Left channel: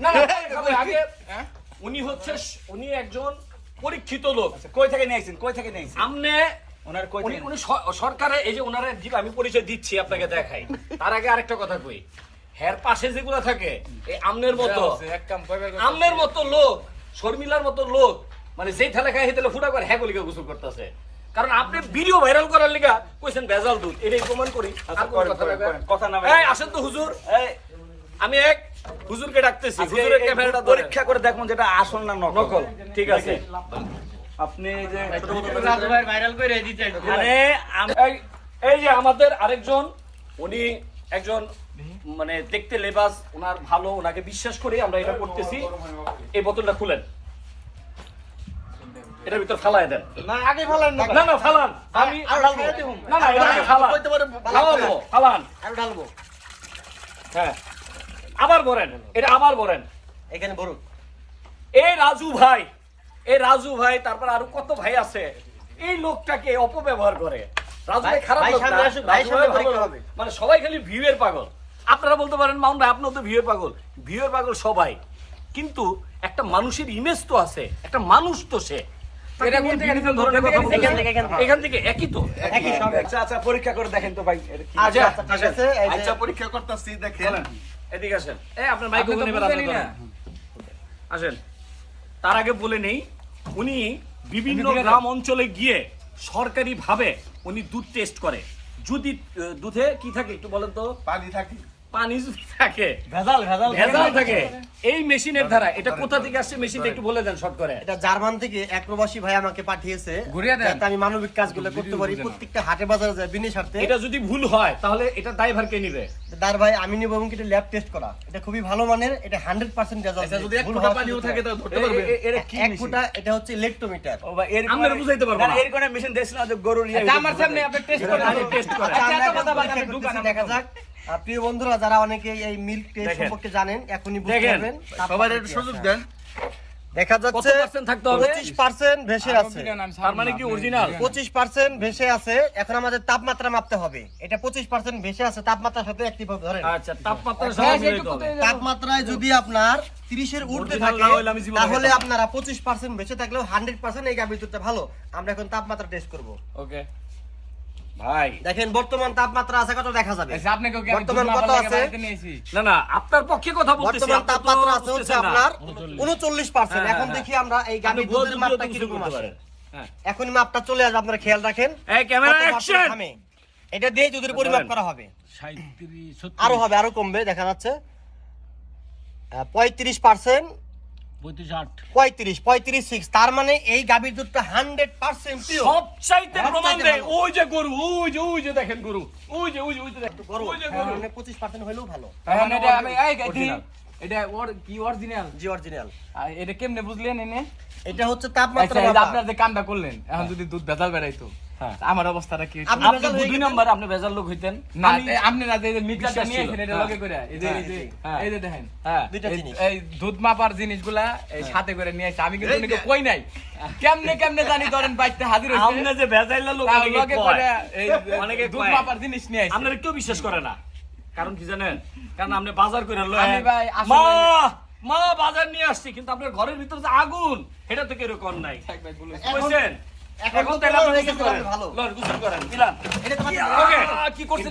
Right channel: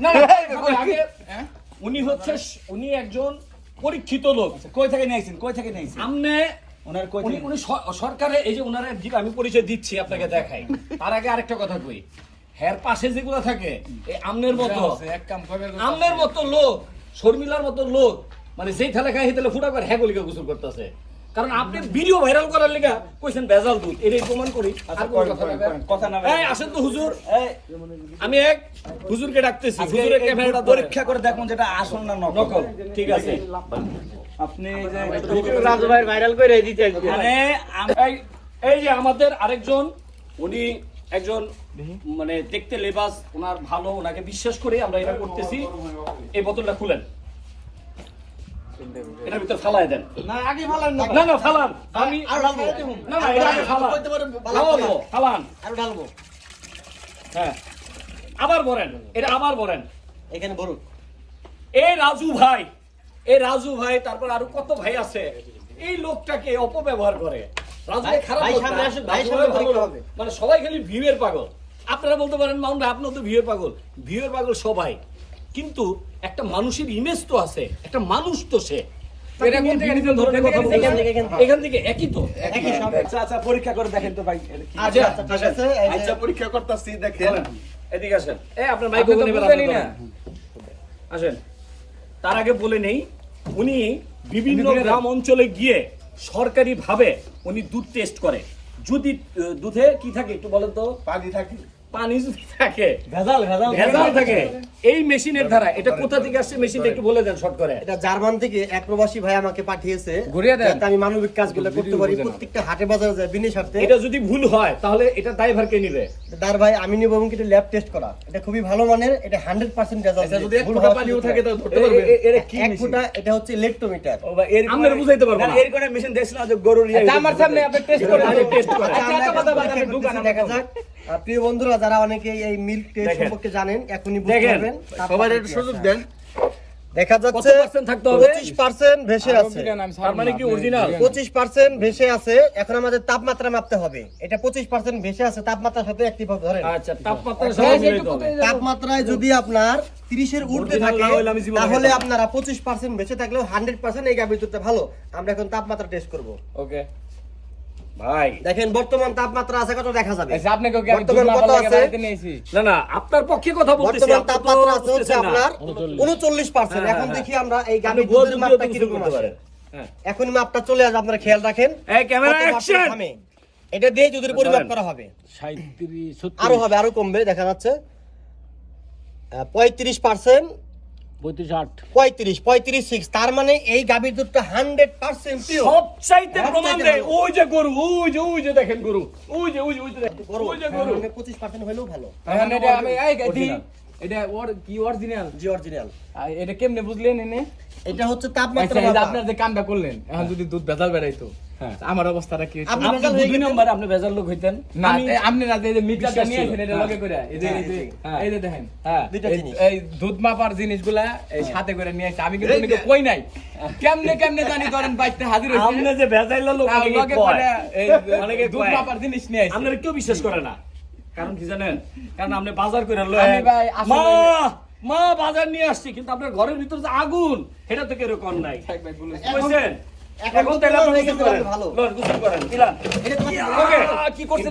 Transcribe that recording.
না আগে উনি হচ্ছে উনি একজন পরীক্ষিত লোক। কই থেকে নিয়েছেন কই থেকে নিয়েছেন ওনার কই উনি থেকে? উনি স- এই যে ওনারা আমি পরিচয় দিচ্ছি আপনাকে দেখাই। তার আগে আরেকটা কথা কই। হের পাশে যেগুলো থাকে এই আমনের মতো। আমনের মতো লোক শর্মিলার মতো লোক মানে যেই থালে খায় সেই ঠেলে ফুটা করে হ্যাঁ গলিকা গোসল করতেছে। কারণ আপনি ভিডিও ভাইরাল করার লেগা কইছেন ভেজাল দুধ। এটাই প্রমাণ করি। আর কোনো কথা না কথা না এই আসেন তো হুজুর। আমি এক হুজুরকে ডাকতেছি। হুজুরের ক্যামেরাটা পরীক্ষা করে দেখুন যেটা আসল না নকল। ঠিক আছে। আপনি যে রাজু ভাই ভাইরাল করে দিতে মানে এই যে আমাদের আরেকজন উনি একজন মানে দেখতে লেবাস ওনার ভালো ওনাকে বিশ্বাস করে আমরা এটা করতেছি। এই বোতলটা খুলেন। এটার ভিতর ফালাই দেন। না আগে ফেলান না। না ফালান। আমি আর ঢালবো। না না এটা আগে ফালান। কইতে ফালাবো ফালান। আর ঢালবো হ্যাঁ। আবার বলেন এটা আবার বলেন। এখানে বড় এই রাজু ভাই এই রাজু ভাই তারপর আরও কত ভাই আছে? এই লোকটাকে অপব্যবহার করে। রাজু ভাই খারাপ। মানে সবাই খালি ভিউয়ের পাগল। আপনারা বলতে পারেন মাউন্ট ভাই আপনার তো ভিউয়ের পাগল। ভিউয়ের পাগল সবাই। কিন্তু একটা মানুষের ইমেজ তো আছে একটা মানুষ তো সে। এখান থেকে, একই তো। আচ্ছা আচ্ছা পরীক্ষা করে দেখেন তো ভাই আচ্ছা আচ্ছা আচ্ছা পরীক্ষা করতেছি দেখেন। এদিকে আসেন। আপনার। আসেন। তার আগে বলে নেই উনি বিভিন্ন গ্রাম অঞ্চলে গিয়ে সরকারি ভাবে উনি দুধ টেস্ট করে। যদি দুধে কি থাকে একটু বলেন তো? পানি থাকি। পানি থাকে ভেজাল ভেজাল ভেজাল থাকে এই মেশিনের দ্বারা এটা কোথা থেকে আসছে মেশিনটা একটু বলে দেন শর্ট করে এটা জার্মান থেকে এক প্রবাসী ভাই আমাকে পাঠিয়েছে যাতে আমি মানবিক কাজগুলো করতে পারি প্রত্যেকটা হাটে বাজারে যায় বিনি স্বার্থে এটা যদি ভুল হয় তাহলে এটা দায়ভার কে নিবে দার ভাই আমি নিব এবং এটা ল্যাব টেস্ট করা এটা খুবই ভালো মানের এটা হান্ড্রেড পার্সেন্ট রেজাল্ট আচ্ছা যদি এক ফোঁটা পানিও থাকে তাহলে ধরতে পারবে এটা কি এক? ফুটা এটা হচ্ছে ইলেকট্রোমিটার ও ভাই এর আমরা বুঝাইতে পারব না। এর কোন মেশিন দেখছিলাম যে গরুর ইয়ে- আমার সামনে আপনি টেস্ট করে টেস্ট করে আচ্ছা, আচ্ছা, কথা পরীক্ষা দেখা যাক প্রিয় বন্ধুরা যারা অনেকে এই মিল্ক টেস্ট সম্পর্কে জানেন এখনই বুঝতে পারবেন। সবাই একটু সুযোগ দেন। দেখা যাচ্ছে থাকতে হবে? ভেসে আছে। তার মানে কি অরিজিনাল পঁচিশ পার্সেন্ট ভেসে আছে এখন আমাদের তাপমাত্রা মাপতে হবে। এটা পঁচিশ পার্সেন্ট ভেসে আছে তাপমাত্রার সাথে একটি ভাবে ধরেন। আচ্ছা তাপমাত্রার সাথে তাপমাত্রায় যদি আপনার তিরিশের উঠতে Original থাকে তাহলে আপনারা পঁচিশ পার্সেন্ট বেঁচে থাকলেও হান্ড্রেড পার্সেন্ট এই গাভীর দুধটা ভালো। আমরা এখন তাপমাত্রা টেস্ট করব। ওকে ভাই। দেখেন বর্তমান তাপমাত্রা আছে কত দেখা যাবে? আচ্ছা, আপনাকে বর্তমান কত আছে? না না আপনার পক্ষে কথা বলতেছি বর্তমান তাপমাত্রা আছে হচ্ছে আপনার উনচল্লিশ। পার্সেন্ট হ্যাঁ, এখন হ্যাঁ, দেখি আমরা এই দুধের তো কীরকম করতে আছে। হ্যাঁ। এখনই মাপটা চলে আসবে আপনারা খেয়াল রাখেন। এই ক্যামেরা অ্যাকশন! এটা দিয়ে দুধের পরিমাপ করা হবে। আরও হবে আরও কমবে দেখা যাচ্ছে। পঁয়ত্রিশ পার্সেন্ট পঁয়ত্রিশ পঁয়ত্রিশ সিক্স তার মানে এই গাভীর দুধটা হান্ড্রেড পার্সেন্ট সবচাইতে প্রমাণ দেয় ওই যে গরু ওই যে ওই যে দেখেন গরু ওই যে ওই যে ওই যে দেখেন বড় ওই যে গরু মানে পঁচিশ পার্সেন্ট হলেও ভালো এটা আমি এই এটা ওর- কি original? জি অরিজিনাল এটা কেমনে বুঝলেন এনে? এটা হচ্ছে আচ্ছা, তাপমাত্রা মাপা। আপনার যে কামটা করলেন, এখন যদি দুধ ভেজাল বেরাইতো, হ্যাঁ। আমার অবস্থাটা কি আপনি আপনি দুই নাম্বার আপনি ভেজাল লোক হইতেন না, আমি আপনি না যে এই যে মিটারটা বিশ্বাস নিয়ে ছিল। আসেন, এটা হ্যাঁ। লগে করে, এই যে- এই যে- হ্যাঁ। এই যে দেখেন। হ্যাঁ দুইটা এই- জিনিস এই দুধ মাপার জিনিসগুলা এই সাথে করে নিয়ে আসছে। আমি কিন্তু উনিকে কই নাই কেমনে কেমনে জানি ধরেন বাইকটা হাজির হইছে আপনি যে ভেজাইলা লোক লগে। করে এই অনেকে দুধ মাপার জিনিস নিয়ে আসছে। আপনারা কেউ বিশ্বাস করে না কারণ কি জানেন কারণ আপনি বাজার করে আমি ভাই আসলে- মা মা বাজার নিয়ে আসছি কিন্তু আপনার ঘরের ভিতরে যে আগুন এটা তো নাই থাক ভাই, বলুন। বুঝছেন এখন তো তাহলে আপনি গোসল গেছে করেন। ভালো। লন গোসল করেন। দিলাম এটা তোমাকে ওকে কি করতে